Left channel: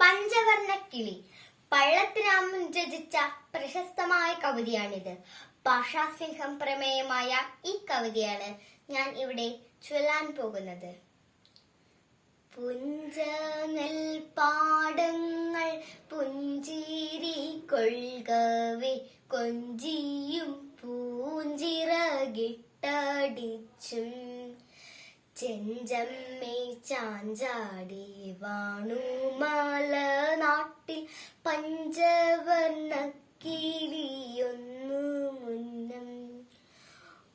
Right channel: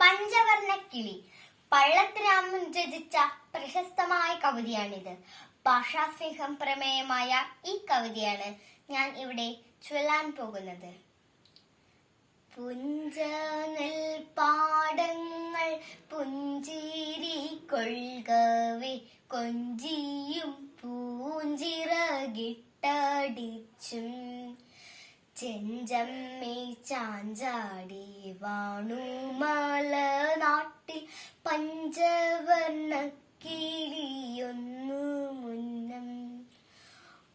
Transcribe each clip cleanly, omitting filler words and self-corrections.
പഞ്ചവർണ്ണക്കിളി പള്ളത്ത് രാമൻ രചിച്ച പ്രശസ്തമായ കവിതയാണിത്. ഭാഷാസ്നേഹം പ്രമേയമായ ഈ കവിതയാണ് ഞാൻ ഇവിടെ ചൊല്ലാൻ പോകുന്നത്. പുഞ്ചനെൽ പാടങ്ങൾ പുഞ്ചിരി കൊൾകവേ കൊഞ്ചിയും പൂഞ്ചിറകിട്ടടിച്ചും ചെഞ്ചമ്മേ ചാഞ്ചാടി വാണുമല നാട്ടിൽ പഞ്ചവർണ്ണ കിളിയൊന്നു മുന്നം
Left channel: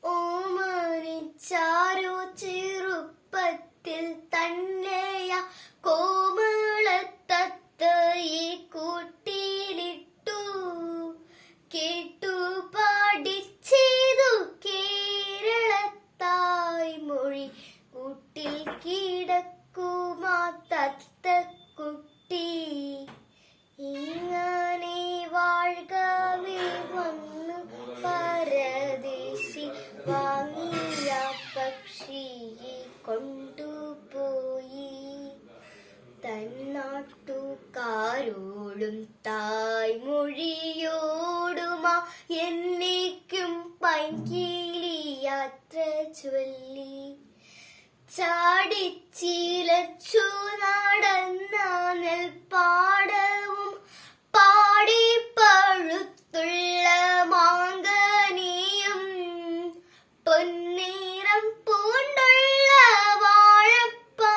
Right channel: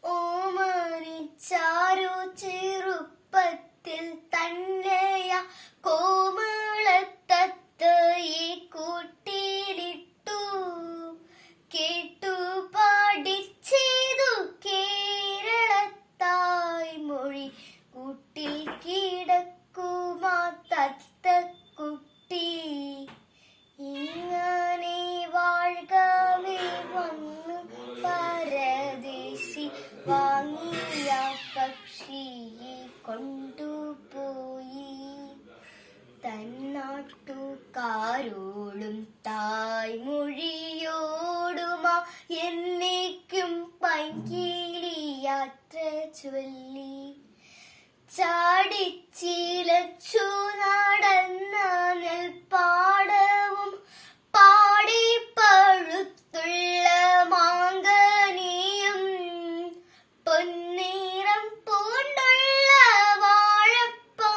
ഓമനിച്ചാരോ ചെറുപ്പത്തിൽ തന്നെയ കോമളത്തത്തയെ കൂട്ടിലിട്ടു കേട്ടു പഠിച്ചതു കേരളത്തായ് മൊഴി കൂട്ടിൽ കിടക്കുമാ തത്തക്കുട്ടി ഇങ്ങനെ വാഴ്കവേ വന്നു പരദേശി വാങ്ങിയ പക്ഷിയെ കൊണ്ടുപോയി തന്നാട്ടുകാരോടും തായ്മൊഴിയോടുമാ എന്നേക്കും പൈങ്കിളി യാത്ര ചൊല്ലി ചാടിച്ചിലച്ചു നടന്ന നെൽപ്പാടവും പാടി പഴുത്തുള്ള മാങ്കനിയും പൊന്നീറം പൂണ്ടുള്ള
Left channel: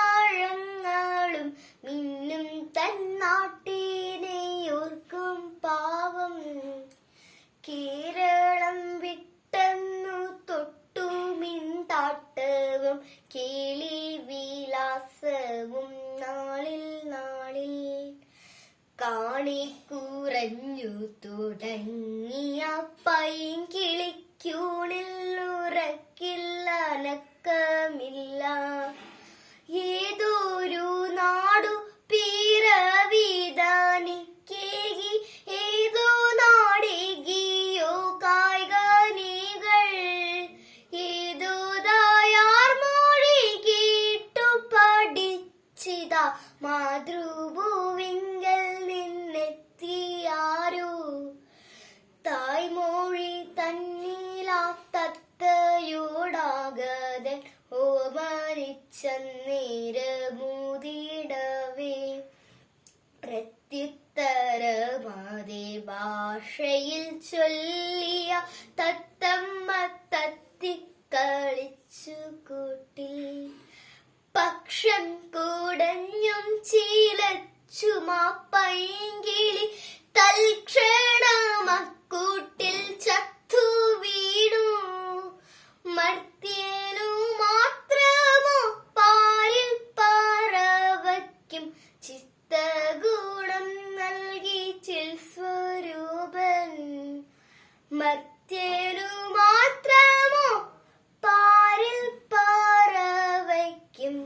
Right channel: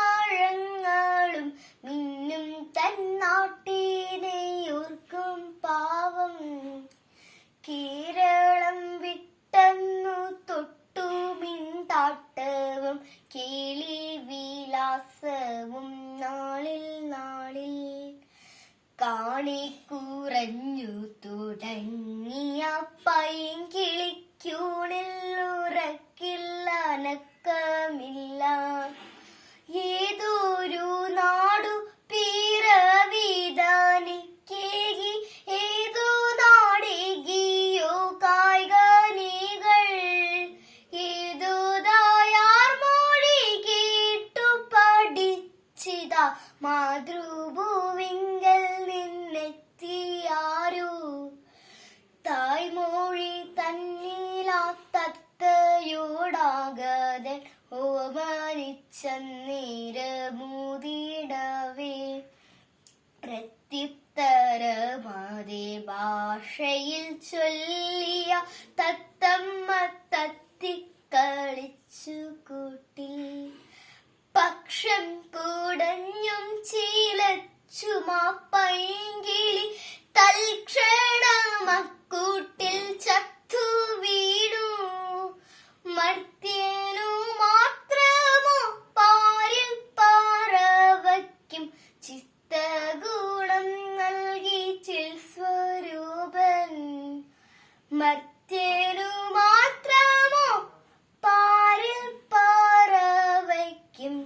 വാഴപ്പഴങ്ങളും മിന്നും തന്നാട്ടിനെ ഓർക്കും പാവം കേരളം വിട്ടെന്നു തൊട്ടു മിണ്ടാട്ടവും കിളി വിലാസവും നാളിൽ നാളിൽ കാണിക്കുറഞ്ഞു തുടങ്ങിയ പൈങ്കിളിക്കൂണിൽ ഉറക്കില്ല അനക്കമില്ല ഏതൊരു നാടു പിറവിതാനിക്കേകി ഏതോ നാടികിയോ കായികനികൾ ഏതോ ദായാർ മൊഴി കേട്ടു പഠിച്ചിതാ മാതൃഭൂവിങ്കൽ നിന്നെത്തിയാരോ തായ്മൊഴി തന്നിലാ തത്തയോടാകതൻ ഓമനിച്ചേരമൂതിടവേ പ്രത്യുത്തരമാതെ ഭാഷയിൽ ചൊല്ലിയ തത്തമ്മ തത്തിക്കളിച്ചു കൂട്ടിൽ പക്ഷം കുടഞ്ഞും ചീലച്ചുമാ പൈങ്കിളി തൽക്ഷണമക്കൂട്ടിൽ ചത്തു വീണു മർത്യനു മാത്രമോ പാരിൽ പറവയ്ക്കും ചിത്തഗുണം നൽകി ചിൽസ്വരൂപൻ മർത്യനു മാത്രമോ പാരിൽ പറവയ്ക്കും